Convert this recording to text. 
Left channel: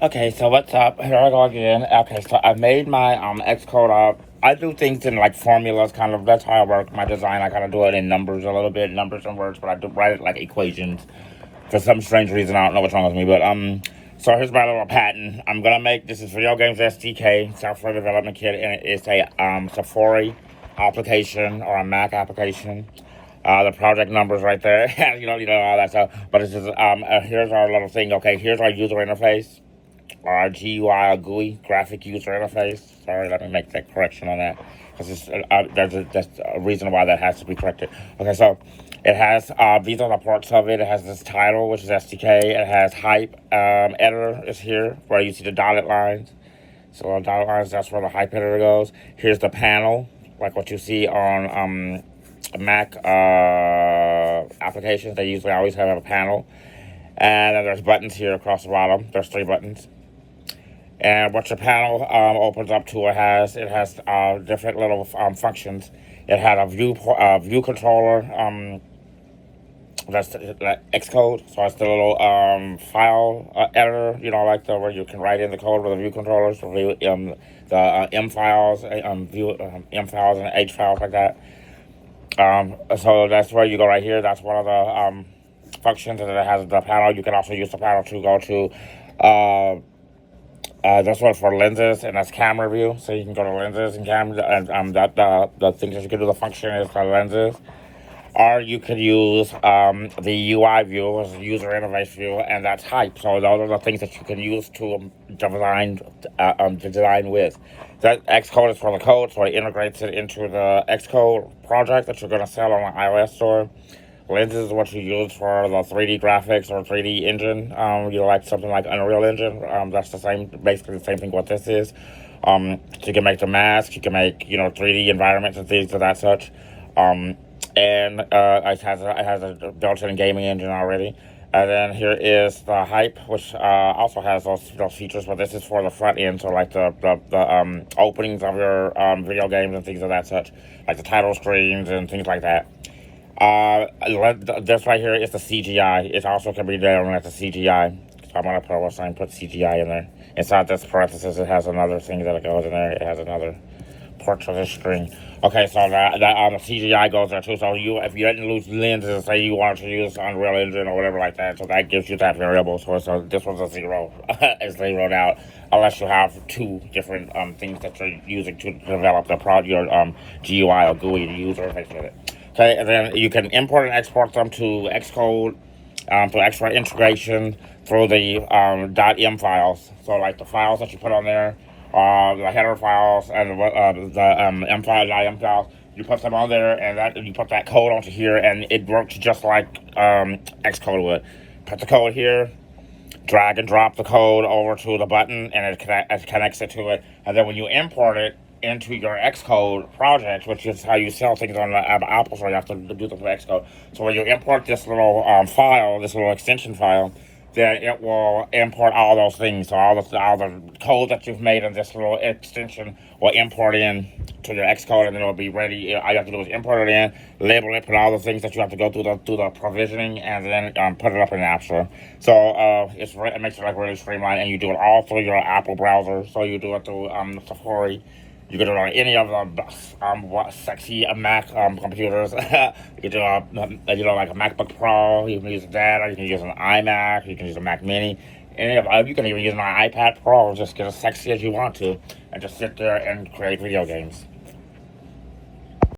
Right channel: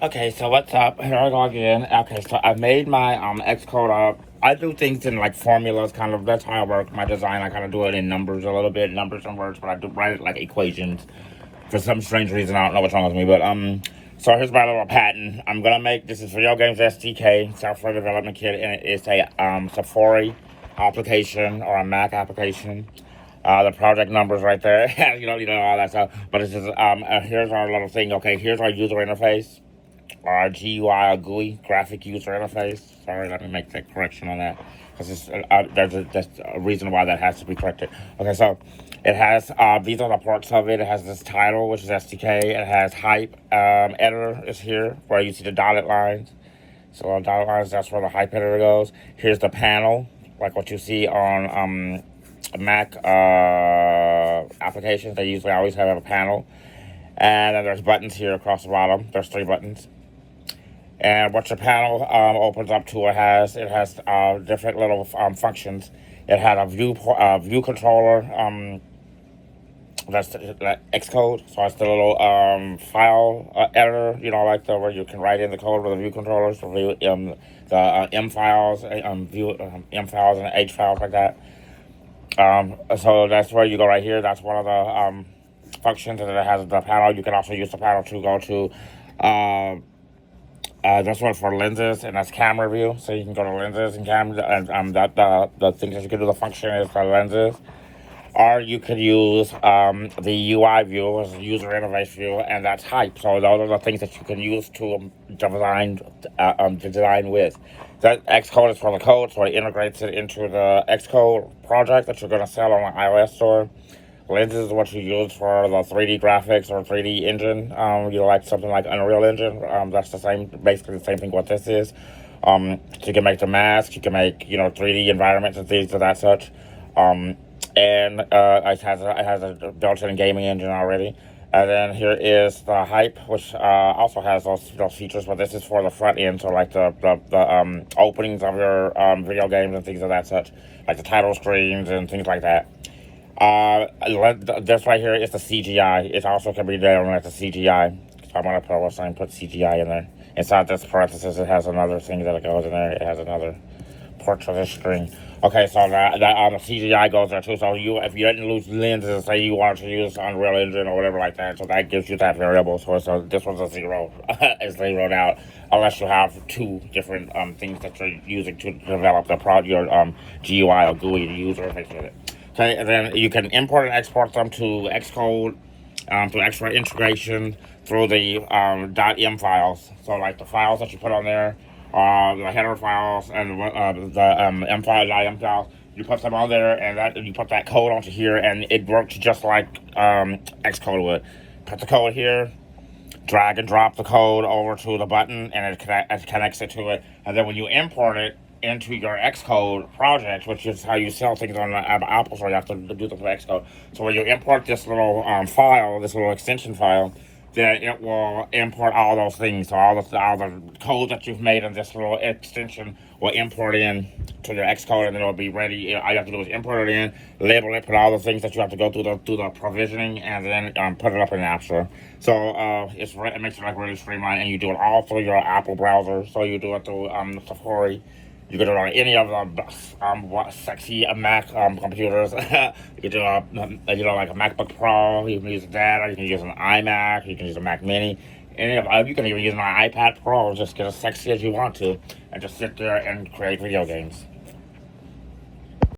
Okay, so what's up? Here I go again. Okay, so I made my Xcode up. I do things in like formulas, kind of. That's how I work my design. I kind of do it in numbers a little bit, numbers and words, but I do write it like equations. For some strange reason, I don't know what's wrong with me, but so here's my little patent. I'm gonna make this is Video Games SDK, software development kit, and it's a Safari application or a Mac application. The project numbers right there, you know all that stuff. But it's just here's our little thing. Okay, here's our user interface. GUI, GUI, graphic user interface. Sorry, let me make that correction on that. There's a reason why that has to be corrected. Okay, so it has, these are the parts of it. It has this title, which is SDK. It has hype, editor is here, where you see the dotted lines. So the dotted lines, that's where the hype editor goes. Here's the panel, like what you see on Mac applications. They usually always have a panel. And then there's buttons here across the bottom. There's 3 buttons. And what your panel opens up to, it has different little functions. It had a view controller. That's the Xcode, so it's the little file editor. You know, like the where you can write in the code with the view controllers, for the M files, M files and H files like that. So that's where you go right here. That's one of the functions, and it has the panel. You can also use the panel to go to this one for lenses, and that's camera view. So you can go to lenses and camera, and the thing that you can do, the function is for lenses. Or you could use the UI view, as user interface view, and that's hype. So those are the things that you can use to design with. That Xcode is for the code, so it integrates it into the Xcode project that you're going to sell on the iOS store. Lenses is what you use for the 3D graphics or 3D engine. You like something like Unreal Engine. That's the same, basically the same thing what this is. You can make the mask, you can make, 3D environments and things of that such. And it has a built-in gaming engine already. And then here is the hype, which also has those features, but this is for the front end, so like the openings of your video games and things of that such, like the title screens and things like that. This right here is the CGI. It also can be down at the CGI. So I'm gonna put CGI in there. Inside this parenthesis, it has another thing that it goes in there. It has another portrait of screen. Okay, so the CGI goes there too. So if you didn't lose lenses, say you wanted to use Unreal Engine or whatever like that, so that gives you that variable. So this one's a 0. It's zeroed out, unless you have 2 different things that you're using to develop your GUI or GUI user interface with it. Okay, and then you can import and export them to Xcode for extra integration through the .m files. So like the files that you put on there, the header files and the M file, .m files, you put them on there, and you put that code onto here, and it works just like Xcode would. Put the code here, drag and drop the code over to the button, and it connects it to it. And then when you import it into your Xcode project, which is how you sell things on the Apple Store, you have to do the Xcode. So when you import this little file, this little extension file, then it will import all those things. So all the code that you've made in this little extension will import in to your Xcode, and then it'll be ready. All you have to do is import it in, label it, put all the things that you have to go through the provisioning, and then put it up in the App Store. So it makes it like really streamlined, and you do it all through your Apple browser. So you do it through Safari. You can do it on any of the sexy Mac computers. You can do like a MacBook Pro. You can use that. You can use an iMac. You can use a Mac Mini. You can even use an iPad Pro. Just get as sexy as you want to, and just sit there and create video games.